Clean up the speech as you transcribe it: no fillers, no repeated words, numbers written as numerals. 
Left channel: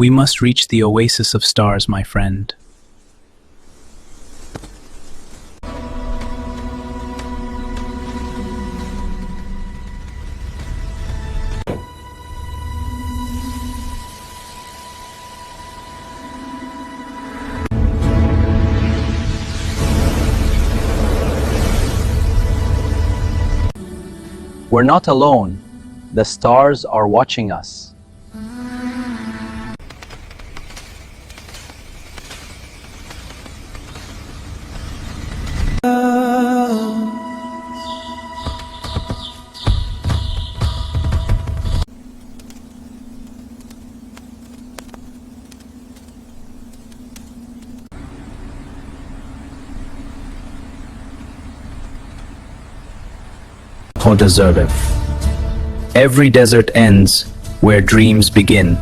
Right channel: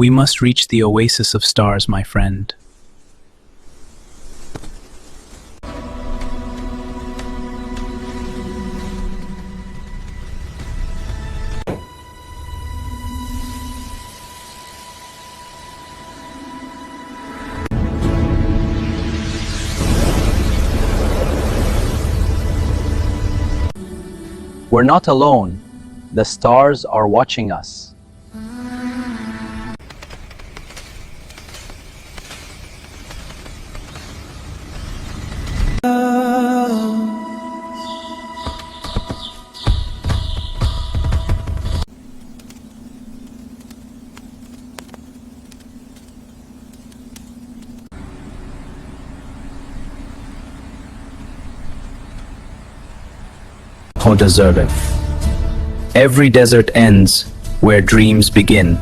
We must reach the oasis of stars, my friend. We're not alone. The stars are watching us. Who deserve it? Every desert ends where dreams begin.